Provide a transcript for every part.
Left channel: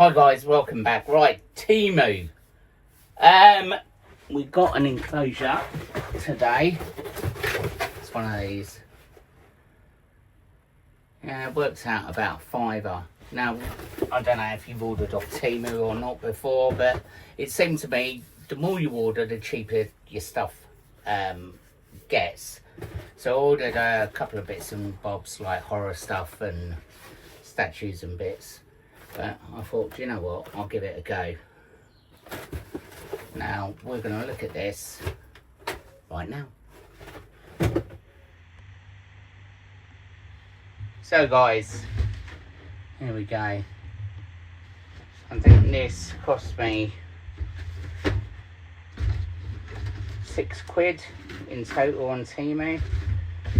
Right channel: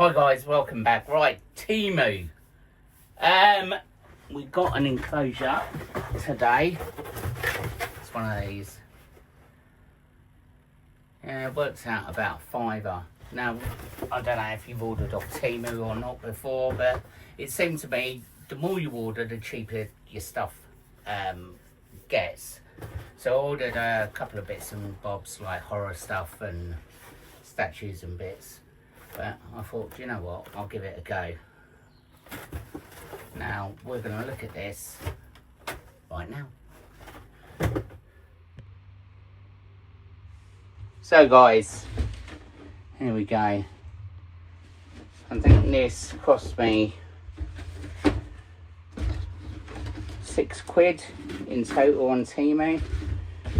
Hi guys, welcome back. Right, Temu. We got an enclosure today. It's one of these. Yeah, it works out about £5. Now, I don't know if you've ordered off Temu or not before, but it seems to me the more you order, the cheaper your stuff gets. So I ordered a couple of bits and bobs like horror stuff and statues and bits. But I thought, you know what, I'll give it a go. Now, we're going to look at this right now. So guys, here we go. I think this cost me £6 in total on Temu.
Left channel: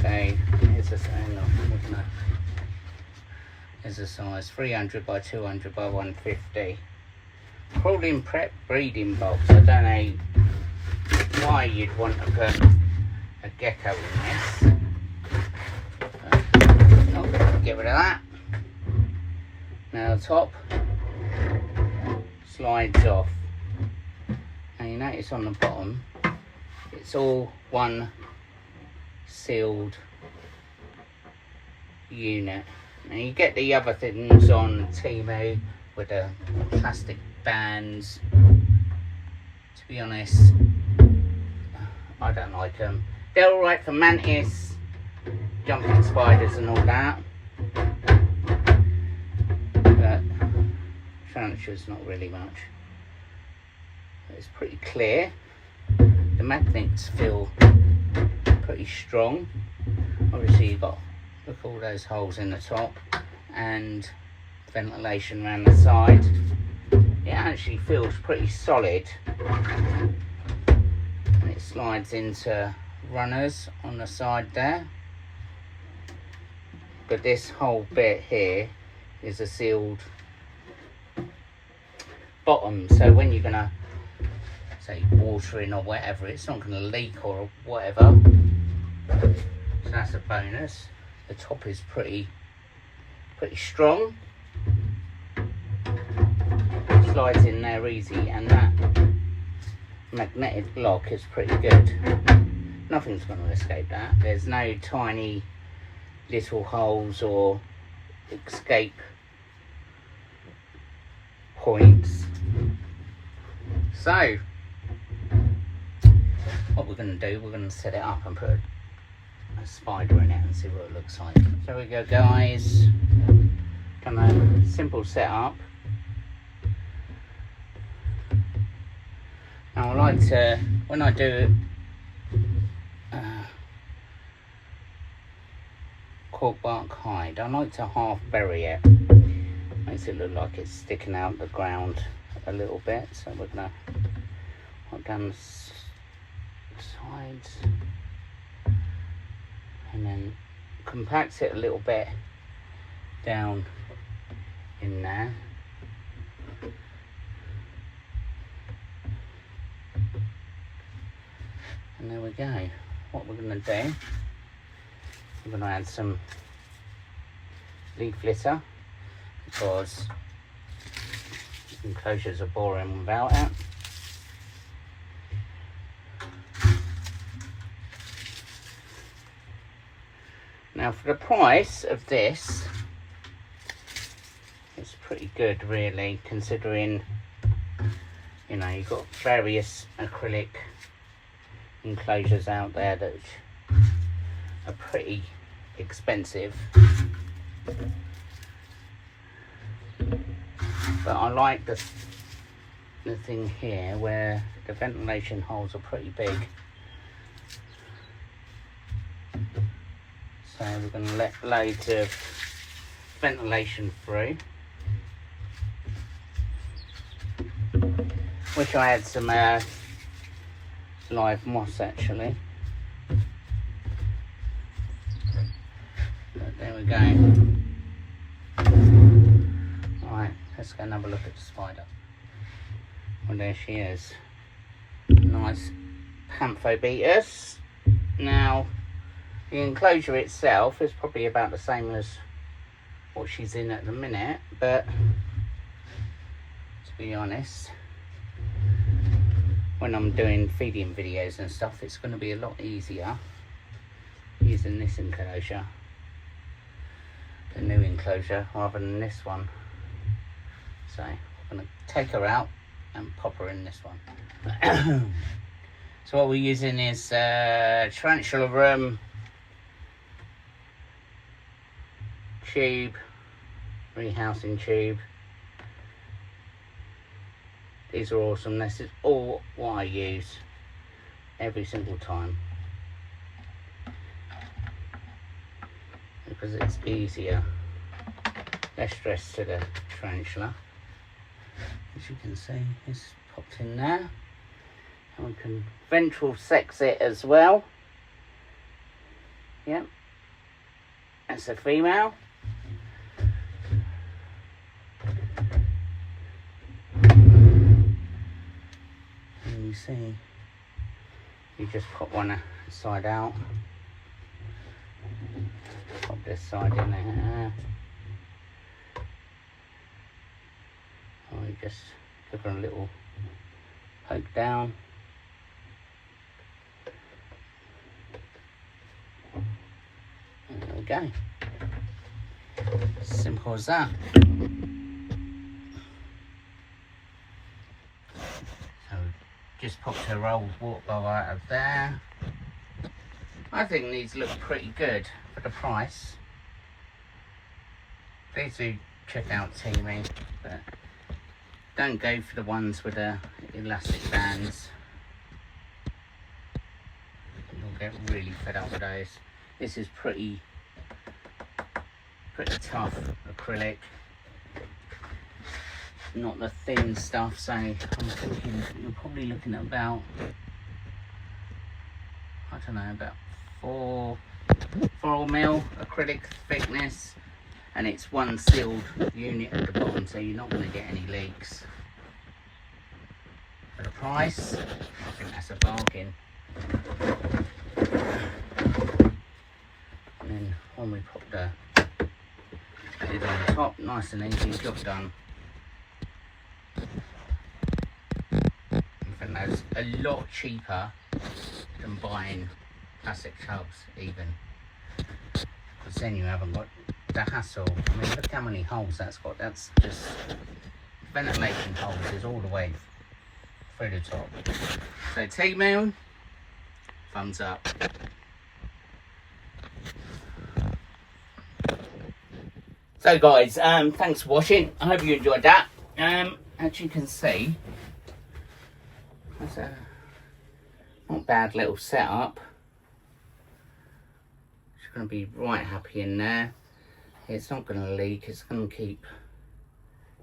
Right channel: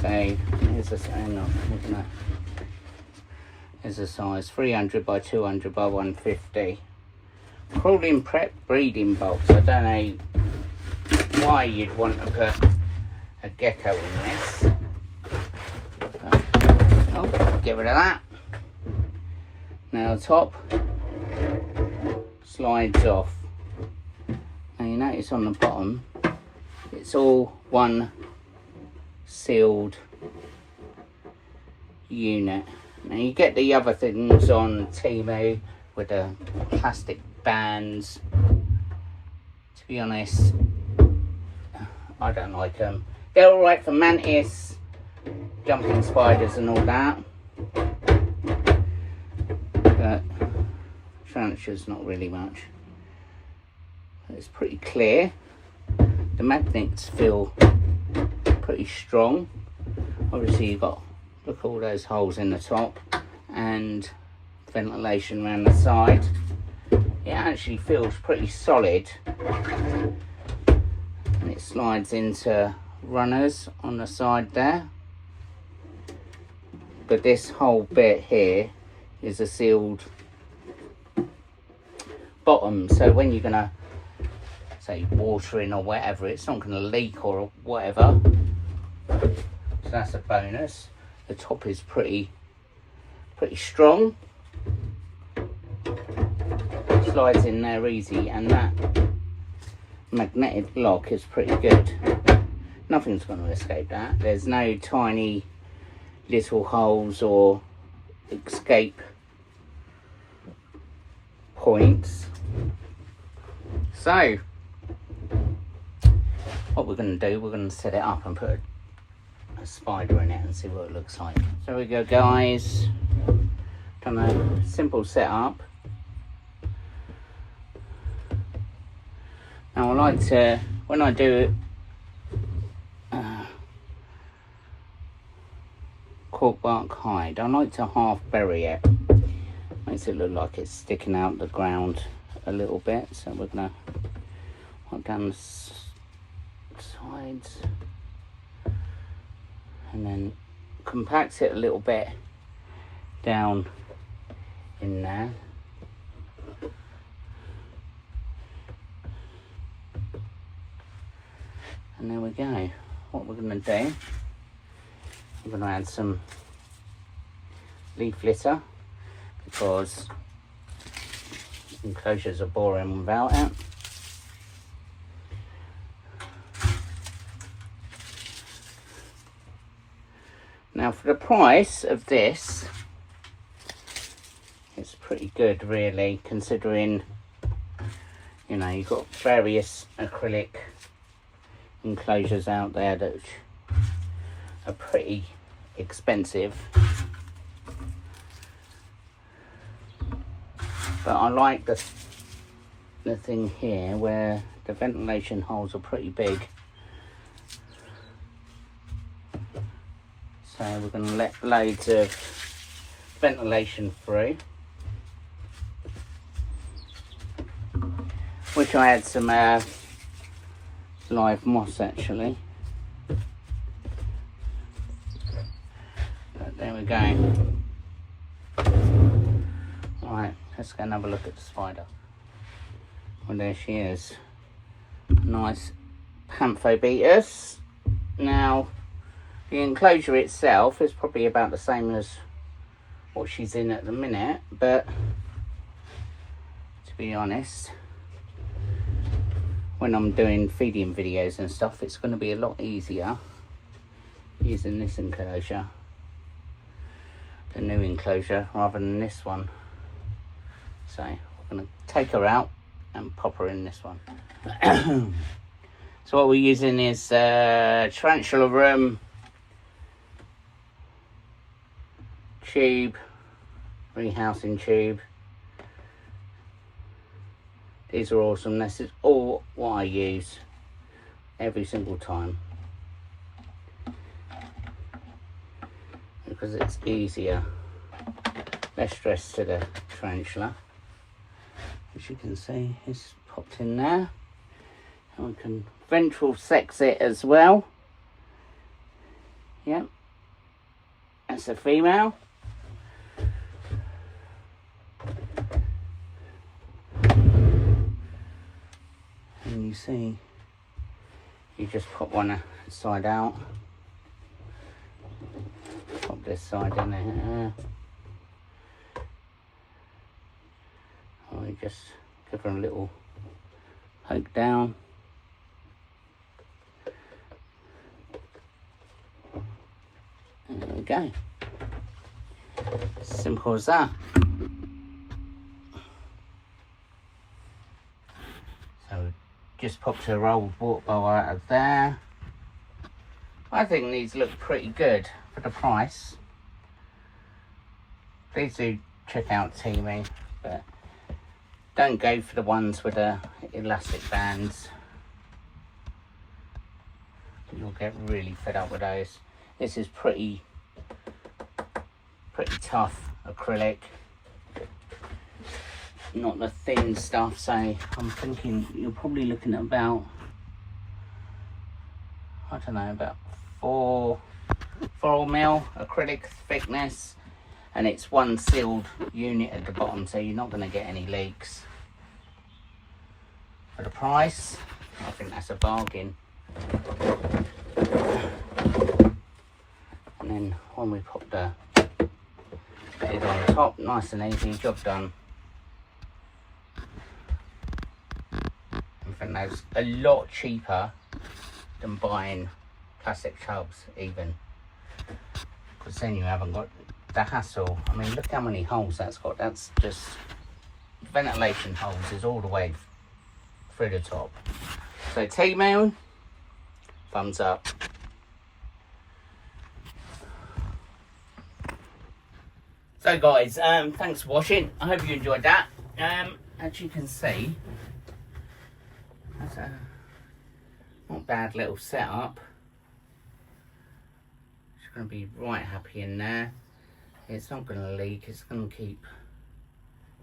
So, here's a Here's a size 300 by 200 by 150. Crawling prep breeding box. I don't know why you'd want to put a gecko in this. Oh, get rid of that. Now the top slides off. Now you notice on the bottom, it's all one sealed unit. Now you get the other things on Temu with the plastic bands. To be honest, I don't like them. They're alright for mantis, jumping spiders and all that. But tarantulas not really much. It's pretty clear. The magnets feel pretty strong. Obviously you've got, look at all those holes in the top and ventilation around the side. It actually feels pretty solid, and it slides into runners on the side there. But this whole bit here is a sealed bottom, so when you're gonna say watering or whatever, it's not gonna leak or whatever. So that's a bonus. The top is pretty strong. Slides in there easy, and that magnetic block is pretty good. Nothing's going to escape that. There's no tiny little holes or escape points. So what we're going to do, we're going to set it up and put a spider in it and see what it looks like. So we go guys, simple setup. Now I like to, when I do cork bark hide, I like to half bury it. Makes it look like it's sticking out the ground a little bit. So we're gonna put down the sides and then compact it a little bit down in there. And there we go. What we're going to do, we're going to add some leaf litter because enclosures are boring without it. Now for the price of this, it's pretty good really, considering, you know, you've got various acrylic enclosures out there that are pretty expensive. But I like the thing here where the ventilation holes are pretty big. So we're going to let loads of ventilation through, which I had some live moss actually. But there we go. Right, let's go and have a look at the spider. Well, there she is. Nice Panthobetus. Now the enclosure itself is probably about the same as what she's in at the minute, but be honest, when I'm doing feeding videos and stuff, it's going to be a lot easier using this enclosure, the new enclosure, rather than this one. So I'm going to take her out and pop her in this one. So what we're using is Tarantula room tube, rehousing tube. These are awesome. This is all what I use every single time, because it's easier, less stress to the tarantula. As you can see, it's popped in there. And we can ventral sex it as well. Yep, that's a female. And you see, you just put one side out, pop this side in there. We just give her a little poke down. And there we go. Simple as that. So just popped her old water bowl out of there. I think these look pretty good for the price. Please do check out Temu, but don't go for the ones with the elastic bands. You'll get really fed up with those. This is pretty tough acrylic, not the thin stuff. So I'm thinking you're probably looking at about, I don't know, about 4 mil acrylic thickness. And it's one sealed unit at the bottom, so you're not going to get any leaks. For the price, I think that's a bargain. And then when we pop the lid on top, nice and easy, job done. I think that's a lot cheaper than buying plastic tubs even. Because then you haven't got the hassle. I mean, look how many holes that's got. That's just ventilation holes is all the way through the top. So Temu, thumbs up. So guys, thanks for watching. I hope you enjoyed that. As you can see, that's a not bad little setup. It's going to be right happy in there. It's not going to leak, it's going to keep,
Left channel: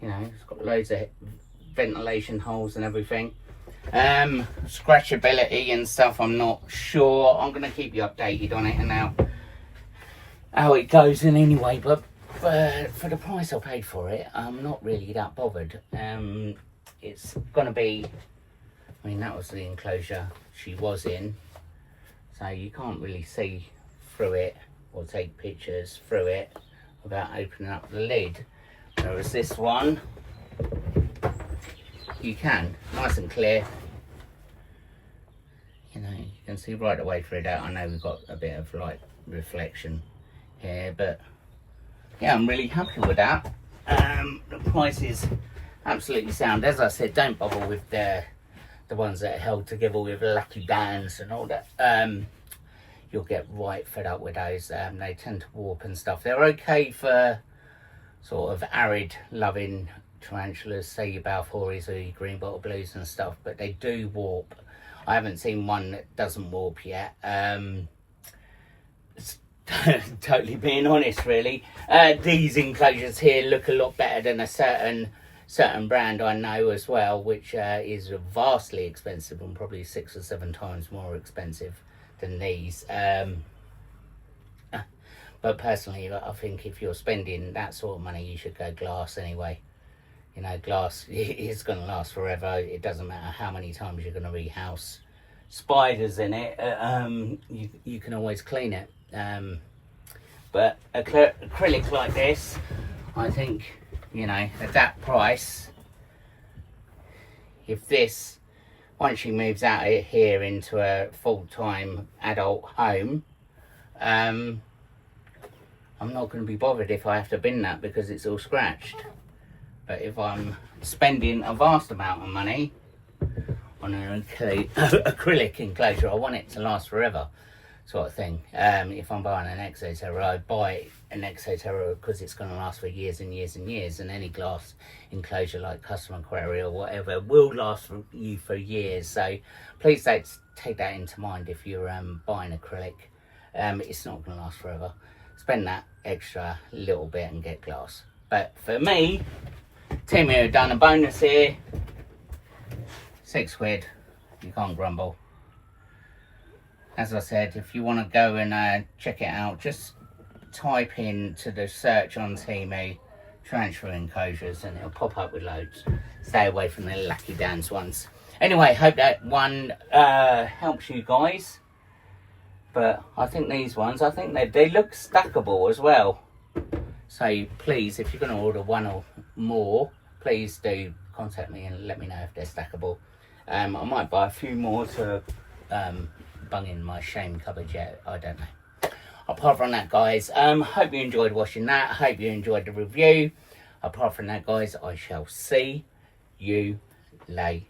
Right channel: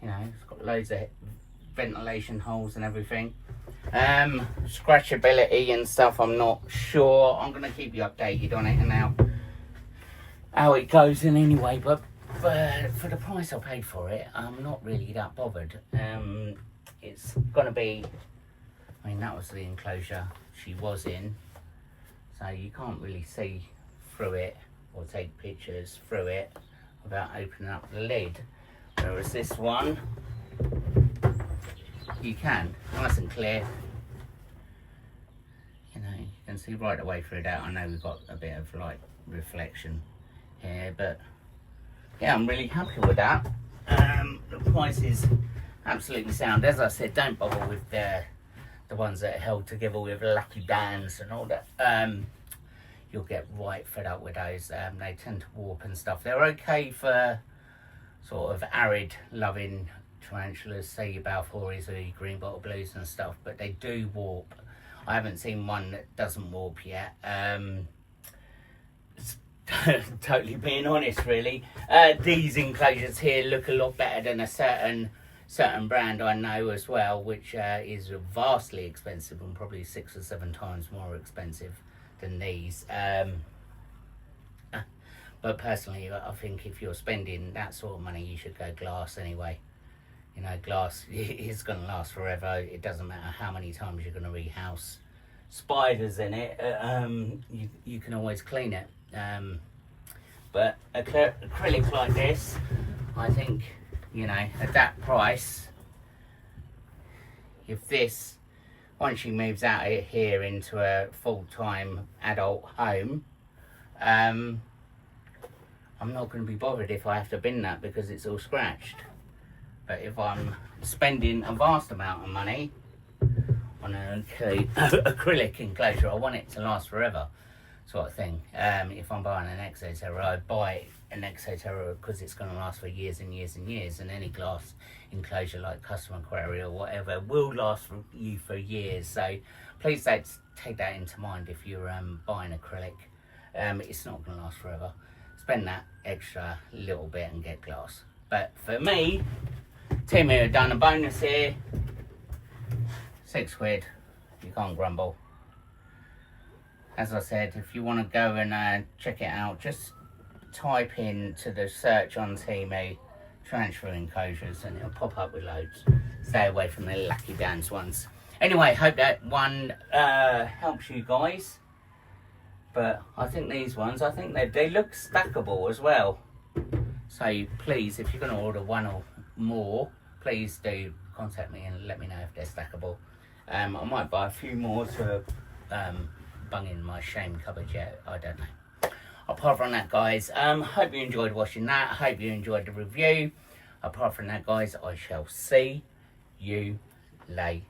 you know, it's got loads of ventilation holes and everything. Scratchability and stuff, I'm not sure. I'm going to keep you updated on it and how it goes in anyway, but for the price I paid for it, I'm not really that bothered. It's going to be, I mean, that was the enclosure she was in, so you can't really see through it or take pictures through it without opening up the lid, whereas this one you can, nice and clear. You know, you can see right away through that. I know we've got a bit of light reflection here, but yeah, I'm really happy with that. The price is absolutely sound. As I said, don't bother with the ones that are held together with lucky bands and all that. You'll get right fed up with those. They tend to warp and stuff. They're okay for sort of arid loving tarantulas, say your Balfouris or your green bottle blues and stuff, but they do warp. I haven't seen one that doesn't warp yet. It's totally being honest, really. These enclosures here look a lot better than a certain brand I know as well, which is vastly expensive and probably 6 or 7 times more expensive than these. But personally, I think if you're spending that sort of money, you should go glass anyway. You know, glass is going to last forever. It doesn't matter how many times you're going to rehouse spiders in it. You can always clean it. But acrylic like this, I think, you know, at that price, if this, once she moves out of here into a full-time adult home, I'm not going to be bothered if I have to bin that because it's all scratched. But if I'm spending a vast amount of money on an acrylic enclosure, I want it to last forever, sort of thing. If I'm buying an Enclosure, I buy an Enclosure because it's going to last for years and years and years, and any glass enclosure like custom quarry or whatever will last for you for years. So please don't take that into mind if you're buying acrylic. It's not going to last forever. Spend that extra little bit and get glass. But for me, temu have done a bonus here. £6, you can't grumble. As I said, if you want to go and check it out, just type in to the search on Temu Tarantula enclosures and it'll pop up with loads. Stay away from the lucky dance ones. Anyway, hope that one helps you guys. But I think these ones, I think they look stackable as well. So please, if you're going to order one or more, please do contact me and let me know if they're stackable. I might buy a few more to bung in my shame cupboard yet. I don't know. Apart from that, guys, hope you enjoyed watching that. Hope you enjoyed the review. Apart from that, guys, I shall see you later.